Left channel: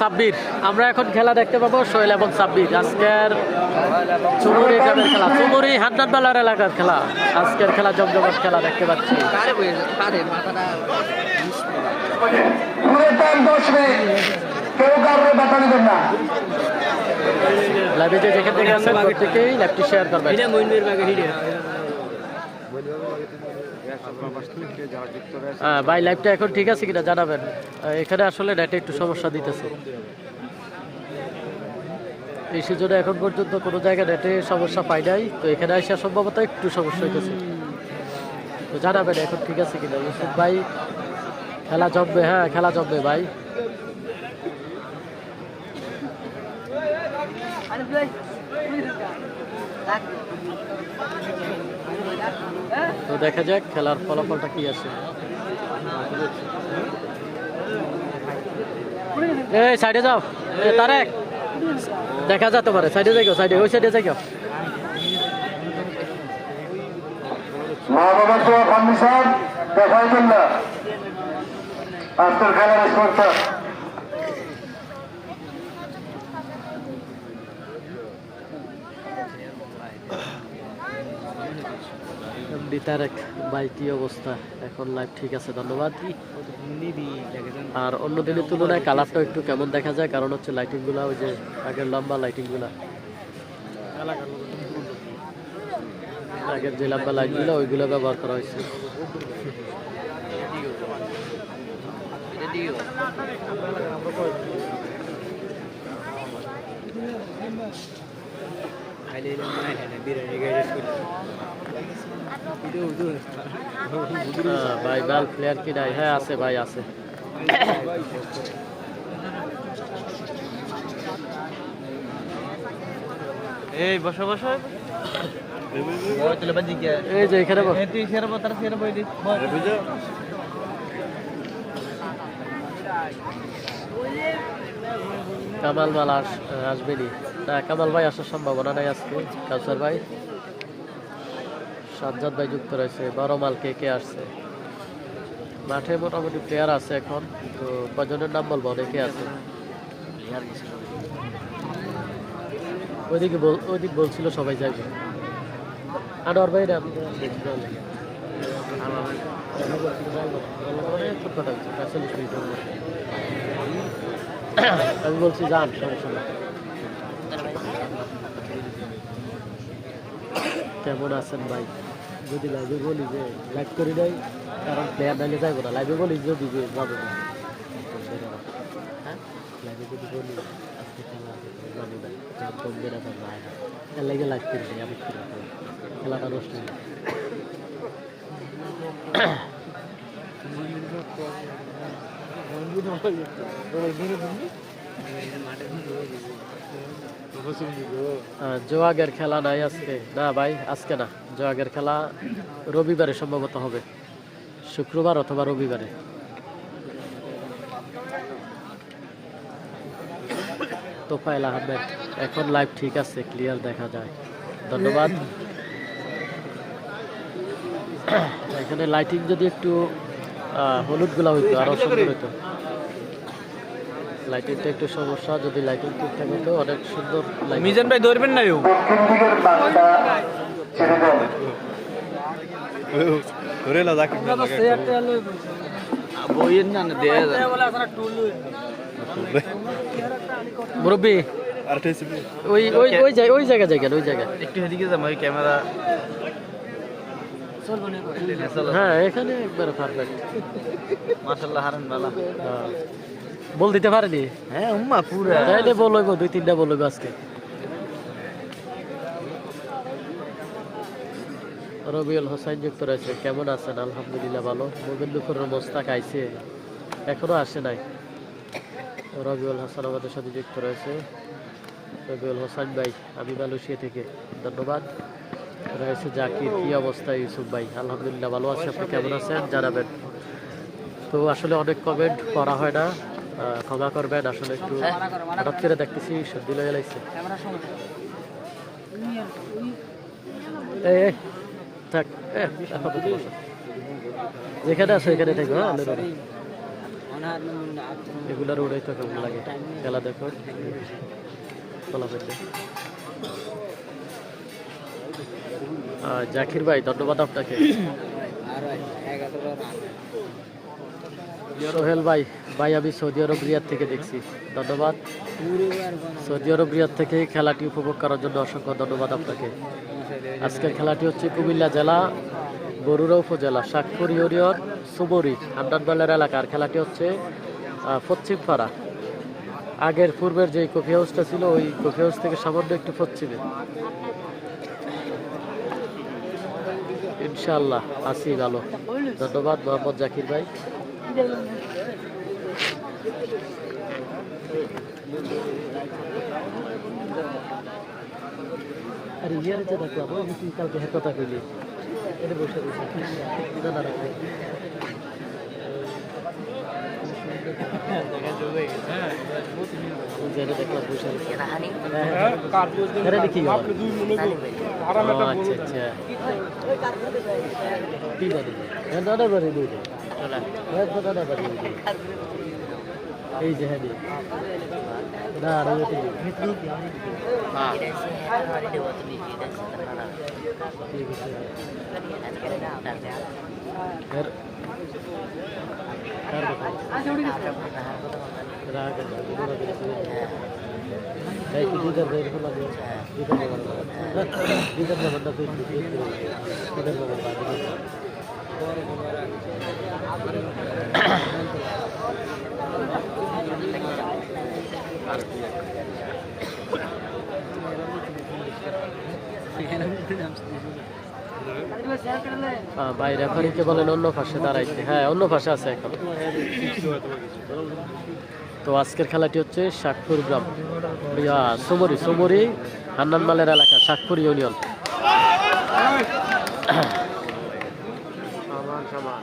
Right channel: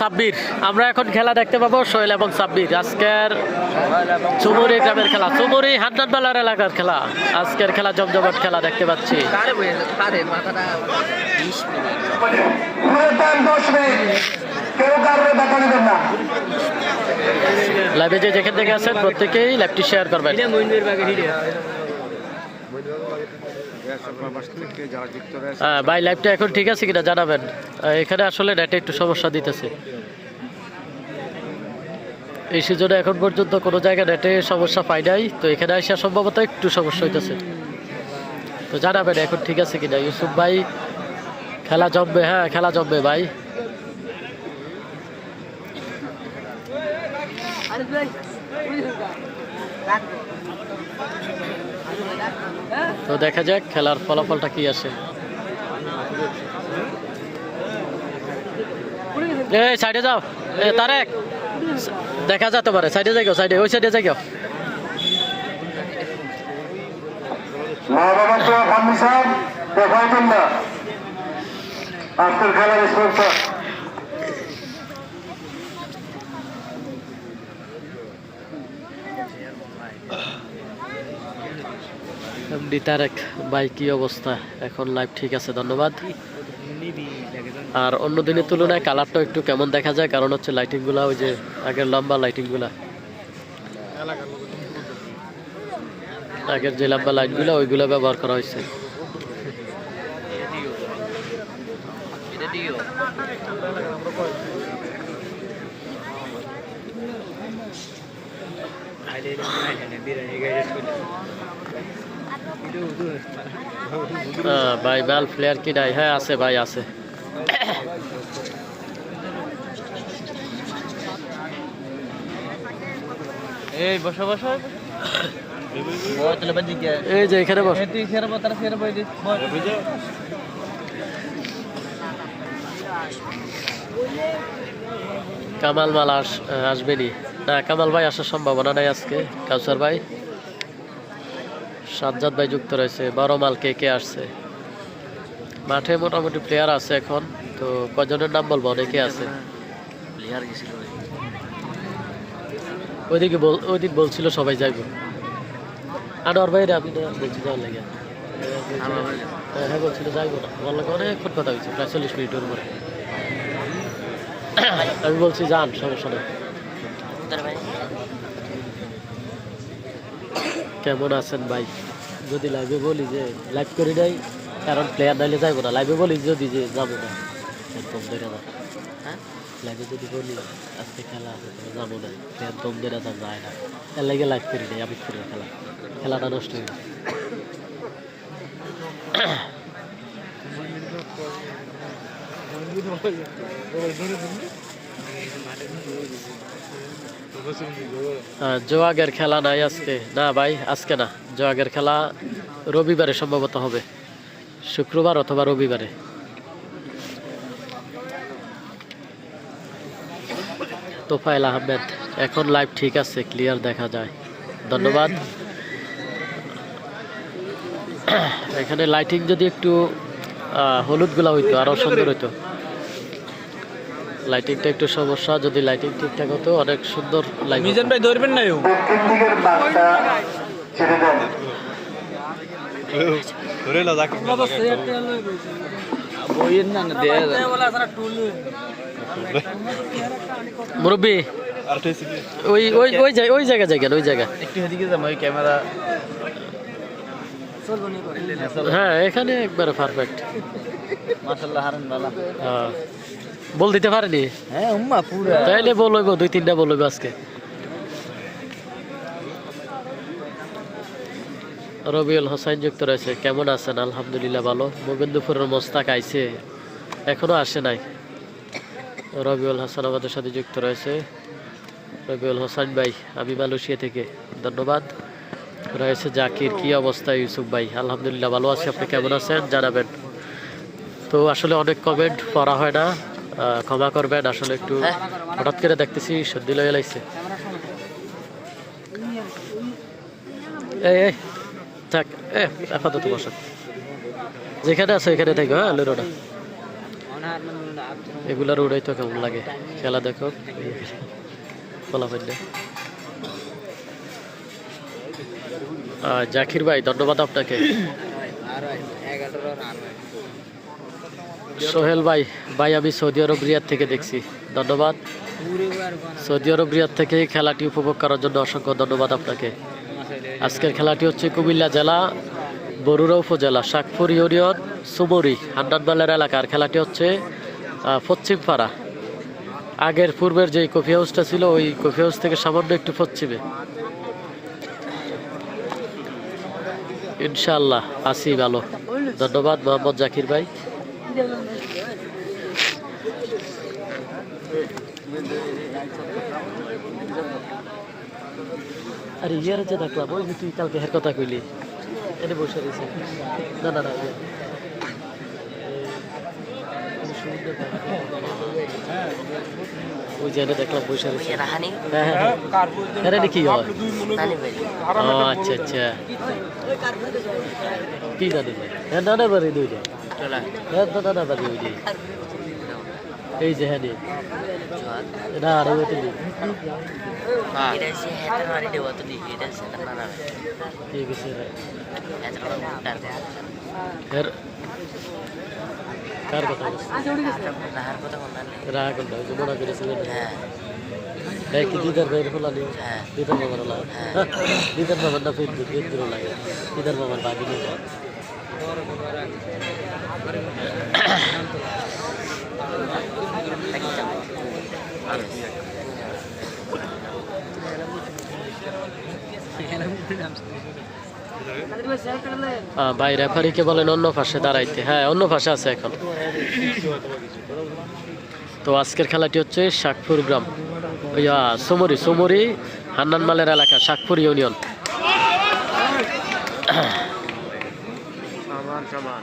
সাব্বির। আমরা এখন খেলা দেখতে পাবো সোহেল এবং সাব্বির। আজকের চুমুরি গ্রামের খেলা, চুমুরি হান্নানবালার এলাকার খেলা। আজকের খেলা জমজমাট খেলা দেখতে পাচ্ছি। লাইভে যে যেখান থেকে আছেন প্রত্যেকেই লাইভটি শেয়ার করবেন। ভাই লাইভটা এখন ঠিক আছে কিনা জানাবেন। এখানে আসলে নেটে একটু সমস্যা দিতেছে, এই সিজনে এখন পর্যন্ত কোনো জায়গায় নেটে সমস্যা পাই নাই। তো এখানে আসা সম্ভবত একটু সমস্যা হইতেছে, তো জানাবেন এখন ঠিক আছে কিনা। ইউসুফ ভাই খেলা জমবে, হ্যাঁ খেলা জমবে ভাই। তো দেখা যাক খেলার ফলাফলটা কি আসে। এই সাইডে যাও তারেক, দেখা যেতে পারে। সাইডে যাই, সাইডে ওই সাইডে যাই। আজকের খেলার স্পন্সর তারেক ভাই, কি অবস্থা? এখন লাইভ ঠিক আছে, ধন্যবাদ। আর অন্য দিনের তুলনায় কালারটা একটু কেমন দেখা যায়, কারণ হচ্ছে লাইটিং গুলা ওই যে আগের লম্বা লাইটিং গুলা, আগের যে লম্বা লাইট গুলা ওইগুলো ব্যবহার করা হয়েছে। ভাই বাল প্লেয়ার কি নাই? হ্যাঁ আছে ভাই, আছে। এই বসো বসো, এই যে এখানে বস। কামাল মাল আসবেনি না, কামাল ভাই আসার সম্ভাবনা নাই আজকে। কাউসার ভাই, সাজ্জাদ ভাই যুক্ত রয়েছে। বড় মাল কে কে আসছে? মাঠে মোটামুটি প্লেয়ার আছে এখন, তো কজনের নাম বলবো, অনেকে আছে। ওইদিক বলছিল সবাই যাইবে। আনোয়ার ভাই আমি বলছি যাওয়ার লাগে, বলছিল যাইবো না, বললো অনেকক্ষণ কথা হয়েছে, প্রায় 40 মিনিটের উপরে। আমি বলছি যান, সমস্যা নেই। কেমন আছেন ভাই? যদি লাইভে বলি যে লাইভ করি নাই, কারণ প্লেয়ার নাইলে যাইবো না। লাইভে বলি যদি যে যাবো না, লাইভে যদি বলি আজকে খেলা যাবো না, প্লেয়ার কম দেরা যায় না, তার লাগে লাইভ করি নাই। আমি করি খেলাটা নষ্ট হয়ে যায়। জোয়াগের খেলা নাই আজকে? না ভাই আজকে না, জোয়াগের খেলা রবিবারে সম্ভবত হবে, শুক্রবার অথবা রবিবারে। তোফায়েল আহমেদ, এখন লাইভ ঠিক আছে, ক্লিয়ার দেখা যায়, ধন্যবাদ। এখানে লাইটিং যদি একটু হলুদ গুলা হইতো আরো সুন্দর হইতো। লাইটিংটা একটু সমস্যা, যদি লাইটিং ঠিকঠাক হতো অনেক সুন্দর। মিজান ভাই ধরবেন না, মুরব্বী ওই জায়গা জায়গা ওই জায়গা একটু এদিকে যাবো, ওই ক্যামেরা। হ্যাঁ এখানে একবারে পারফেক্ট, মাশাআল্লাহ। হারান বালা বল দিতে পারেনি। হ্যাঁ উম্মা পুরা তাইলে বল হইব, 2-3টা বল হইব আজকে। রবিউল হোসেন যুক্ত রয়েছে, কেমন আছেন? আলহামদুলিল্লাহ ভালো। মোগেন্দুপুরের মোস্তাক আইছে, এখনো আসে নাই। রবিউল হাসান আমাদের সাথে যুক্ত রয়েছে। রবিউল হোসেন ভাই, আমি মালয়েশিয়া থেকে, ধন্যবাদ। রয়েছে জাকির, কি অবস্থা? ইউসুফ ভাই, আলহামদুলিল্লাহ ভালো আছে, আপনি কেমন আছেন জানাবেন। তো আসলে অনেক কমেন্ট পড়া হয় না, ক্ষমা করবেন। আসলে একটু হঠাৎ করে দেখতেছি সর্দি লয়ে লাগছে। এই থাক, আপাতত বসো, যেখানে আছে ওইখানে থাকবে। হ্যাঁ আলুর এগুলার উড়াই তো কেমন লাগে খেলা দেখো ফলাফল জাকির ভাই ধন্যবাদ আপনাকে। সোহেল ভাই ভাই আমি সৌদি আরব রিয়াদ থেকে দেখছি, ধন্যবাদ। সৌদি আরব রিয়াদ থেকে খেলাটি উপভোগ করার জন্য অসংখ্য ধন্যবাদ আপনাকে। আজকের খেলাটি হচ্ছে কুমিল্লা জেলা বরুড়া উপজেলা শাকপুর ইউনিয়ন সুমরি হান্নানবালের এলাকার। খেলাটি হচ্ছে পশ্চিম পাড়া, আগের পূর্বের যে কফি হাউসটা ছিল ওই কফি হাউস থেকে সামান্য একটু পশ্চিমে। ইনশাআল্লাহ আসি ভালো, ধন্যবাদ মোহাম্মদ জাকির ভাই। আরে ইয়ার যে দেখলাম ওই যে তুই কালকে হের কথা কইলি এটা বসে রয়েছে না না না ওই যে এটা দেখলাম বসে রয়েছে। কি হলো? আচ্ছা আচ্ছা কি জানি না না বাড়ি দুই দাদা বাড়ি ওই যে এই যে হ্যাঁ না আর ওই ঠিক আছে কার কথা রাগ মনে করেছিলেন কি দিদার ভাইয়ের খোলা নেই দিদার বাবার দিদার বাবার না ফেসবুক লাগে দিদার বাবার বাবি ভাই রেফারিকে বলেন অন্য পাশে দাঁড়াইতে। হ্যাঁ অন্য পাশে আছে এখন। তো আজকের খেলাটি হচ্ছে শাকপুর গ্রাম সুমরি সুমরি হান্নানমালের এলাকা শাকপুর ইউনিয়ন। সমান সমান